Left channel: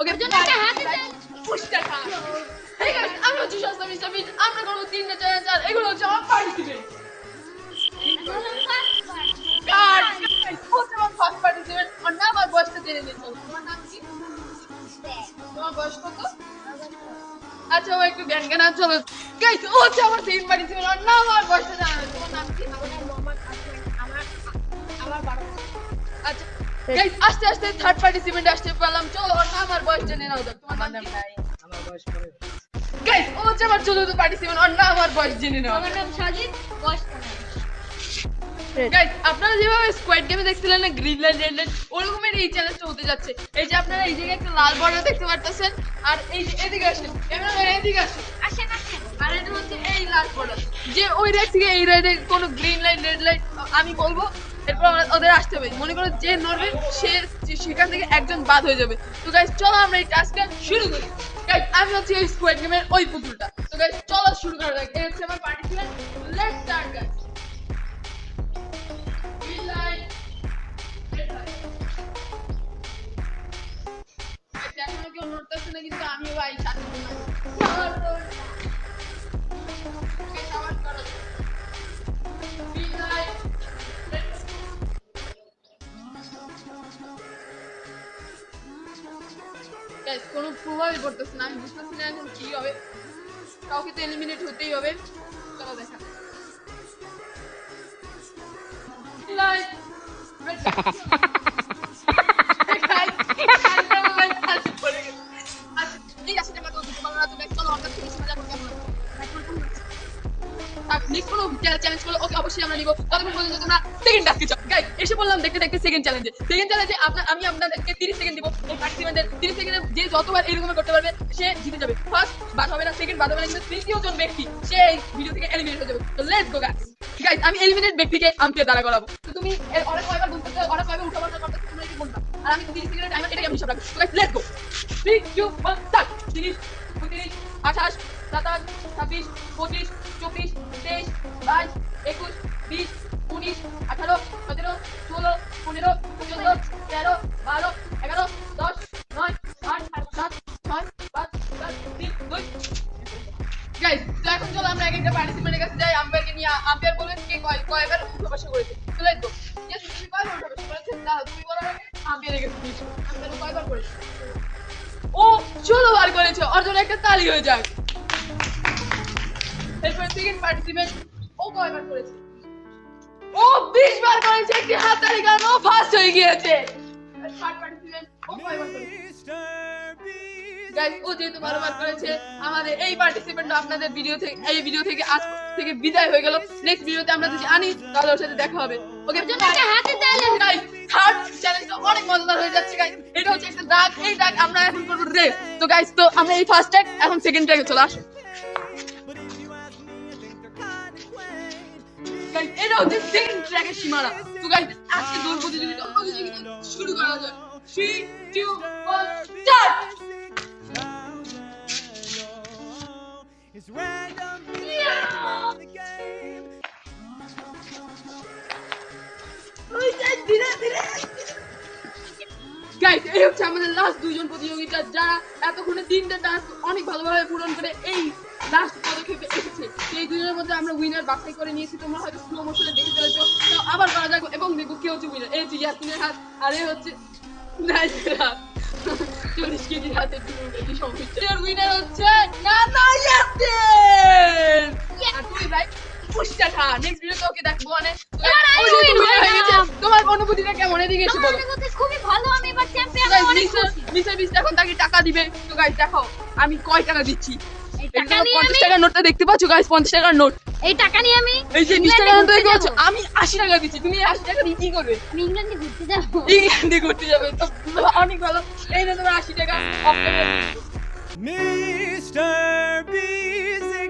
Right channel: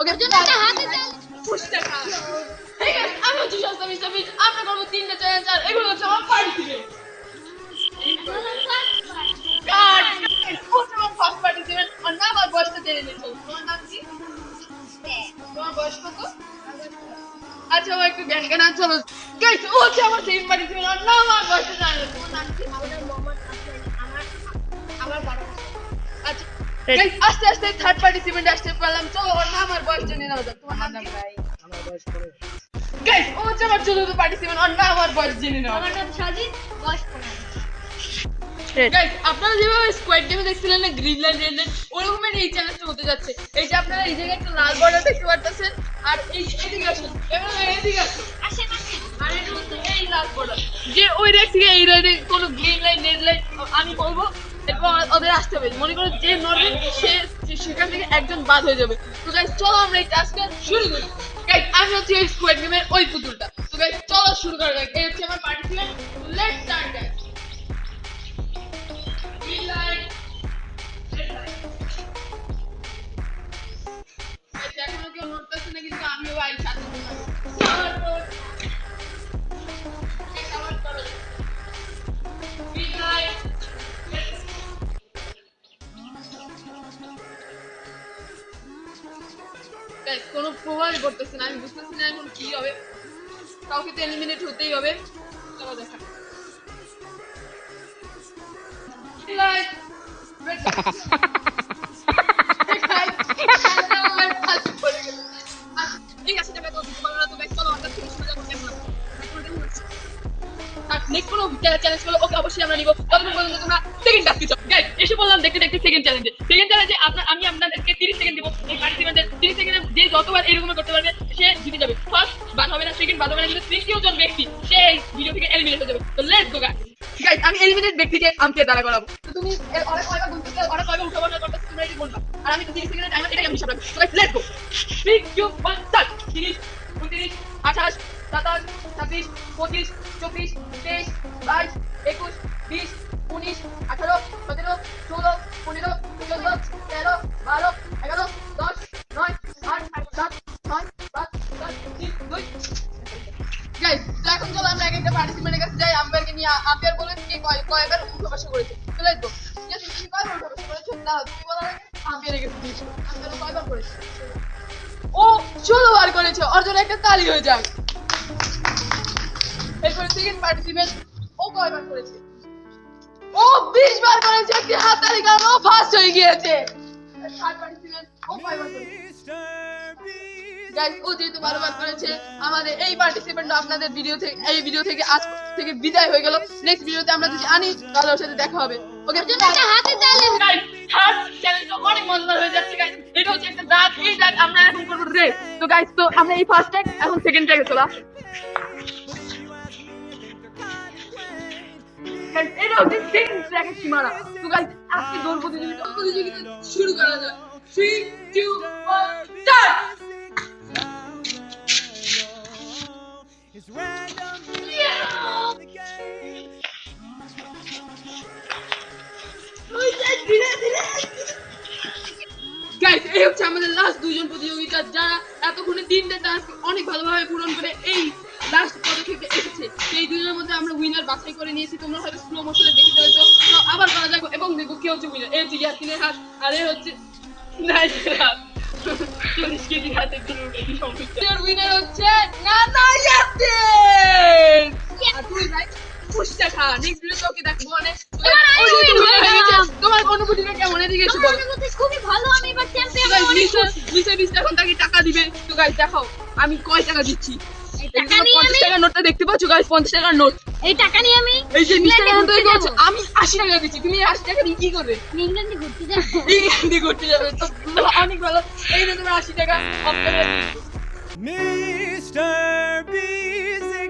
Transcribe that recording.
ওকে পুষ্টা খা। আমি হচ্ছে সস্তা মিস্টার বিস্ট। আমরা করবো 3টা চ্যালেঞ্জ আর এগুলো হচ্ছে আমার পার্টিসিপেন্ট। ফার্স্ট পার্টিসিপেন্ট আর না আমার বয়সটা জেনে নিতে হবে। তোমার নাম কি? তোমার বয়স কত? আচ্ছা ও একটু জ্ঞান জ্ঞান চলো গাইস ও হচ্ছে আমার সেকেন্ড পার্টিসিপেন্ট আর না আমার বয়সটা জানে। তোমার নাম কি? আচ্ছা গাইস আস্তে আস্তে থার্ড পার্টিসিপেন্ট আসতে পারলাম। চলো ওর নাম আর বয়স জেনে নাও। তোমার নাম কি? আমার বয়স 15। গাইস ও হচ্ছে আমার চতুর্থ পার্টিসিপেন্ট আর না আমার বয়স জেনে নাও। আমার নাম সাজিদ, বয়স 15। গাইস আপনারা যেভাবে স্কোয়াড গেমে দেখছিলেন না গ্রিন লাইট রেড লাইট ওরকমের এই চ্যালেঞ্জটা হতে যাচ্ছে। এই যে আপনারা এই জায়গায় একটা লাল বর্ডার দেখতে পাচ্ছেন আর এই যে এদিকে আসেন এবার এদিকে আসেন আসেন আসেন। আর এটা হচ্ছে এই লাল বর্ডার যে ওই রেড থেকে এই রেডে কোনো গ্রিন লাইট রেড লাইট আমি বলবো এরপর ওদের আসতে হবে। মনে করো যে নড়বে সে সেখান থেকে একজন বাদ হয়ে যাবে। তো গাইস চলো আমরা এই টাস্কটা শুরু করি। গাইস আমি হচ্ছে এই স্কোয়াড গেমের ওই পুতুলটা। তো গাইস চলো শুরু করা যাক। এই হচ্ছে আমার participant. Let's start guys. Green light red light. এখনো কেউ নড়তেছে না কিন্তু আমিও ভাই সাথে কোনো প্রভাব করতেছে না। আমি বুঝতেছি না এখন কি হবে। কাউকে তো এলিমিনেট হতেই হবে। চলো দেখা চ্যালেঞ্জ করলো ওকে অবশ্যই আমরা নিব। ততক্ষণ পর্যন্ত তোমরা সেকেন্ড টাস্কে যাও। গাইস এসে বললাম দেখতে দেখতে সেকেন্ড চ্যালেঞ্জে আমি আপনাদেরকে 30 সেকেন্ড দিব। এই পার্টিসিপেন্টদের 30 সেকেন্ডে যে যতবার এরকম করতে পারবে সে জিতে যাবে। ফার্স্ট বাদ হবে না, সেকেন্ড বাদ হবে না, কিন্তু তৃতীয় জন ব্যক্তি সে এই ভিডিও থেকে এলিমিনেট হয়ে যাবে। তো লেটস গো গাইস। গাইস আমি এলিমিনেট ব্যক্তিকে আমাকে দাঁড়া করাবো। তো তুমি অনেক কয়বার বলতে অনেক কয়বার উঠা বসা করতে তোমরা এটা বলবা আর আমি 30 সেকেন্ডের টাইমার এটাই আমি হিসাব রাখবো। তো guys let's go. 3 2 1 start. 30 29 28 27 26 25 24 23 22 21 20 19 18 17 16 15 14 13 12 11 10 9 8 7 6 5 4 3 2 guys তো এখন চলো আমরা এক একটা পার্টিসিপেন্টের কাছে যাই। আম্পায়ারকে নিয়ে আম্পায়ার বলবেন কে কয়বার উঠা বসা করেছে। তো লেটস গো। তুমি কয়বার উঠা বসা করেছো না তুমি বলো আগে। আম্পায়ারের কাছে দিয়েছো। আম্পায়ার কয়বার করেছে? ও 16 বার করেছে। ওর জন্য একটা তালি হয়ে যাক। এরপর সেকেন্ড পার্টিসিপেন্ট ও কয়বার করেছে? ও 20 বার করেছে। একটি হাততালি কারণ ও ফার্স্ট হয়ে গিয়েছে। থার্ড পার্টিসিপেন্ট ও কয়বার করেছে? গাইস ও যেহেতু বারবার করেছে আমাদের এই পার্টিসিপেন্ট আপনাদের এই ভিডিও থেকে আজ থেকে বিদায় হয়ে গেল। নেক্সট ভিডিওতে আমরা যদি আনি তাহলে ওর সাথে দেখা হবে। ওকে হাতে চ্যালেঞ্জ গাইস থার্ড চ্যালেঞ্জটা অনেক মজাদার হয়ে যাচ্ছে গাইস। এটা হচ্ছে একটা দাগ। এই দাগ আমরা এখন করব রেস। তো গাইস তো আমরা এই ফার্স্ট ট্যাগ এখন সেকেন্ড ট্যাগে চলে আসি। গাইস এটা হচ্ছে সেকেন্ড ট্র্যাকের সীমানা। তো গাইস আজকে দৌড় প্রতিযোগিতা শুরু করা যাক। 3 2 1 start. It's random the game. Guys এই হচ্ছে আমাদের লাস্ট দুইজন প্রতিযোগিতা যারা এতক্ষণে 3টা টাস্ক অনেক ভালোভাবে পূরণ করে এই লাস্ট পদক্ষেপে এসেছে। সেই দুজনের মধ্যে আমরা উইনার বাছাই করে নিয়েছি। তোমরা হয়তো স্লো মোশনে দেখে ফেলেছো। তো আবার করা যাক এবং দেখো কে হচ্ছে উইনার। এই হচ্ছে ইয়াসিনের হাত আর এই হচ্ছে নাইসের হাত। 40 কেজি হাতের দিকে বেশি সমস্যা। উইনার হচ্ছে নানা ইয়াসিন। আর তুই ভাই পুষ্টা খা। নেক্সট ভিডিওতে ওকে দেখবো অনেক। তোমার অনুভূতিটা কেমন এদিকে এসে বলো। অনুভূতি খুবই ভালো। আমি এবার চ্যাম্পিয়ন অনেক খুশি। নিচে এখন তাকে টাকা দিবে। তো গাইস দেখাও আমি কয় টাকা দিচ্ছি। এই টাকা নিয়ে 50 টাকার নোটটা দেখতে পাচ্ছ গাইস? 50 টাকার নোট। এই টাকা নিয়ে আমি এই যে 20 টাকার নোট ঘুরতে দেখতে পাচ্ছ? যাবো। আমি 80 টাকা দিচ্ছি। তুমি 80 টাকা দিয়ে কি করবে? আমি ইংল্যান্ডে ঘুরতে যাব। ইংল্যান্ডে ঘুরতে যাবে। তো অনেক ভালো। এই যে তোমার 80 টাকা Mr. B.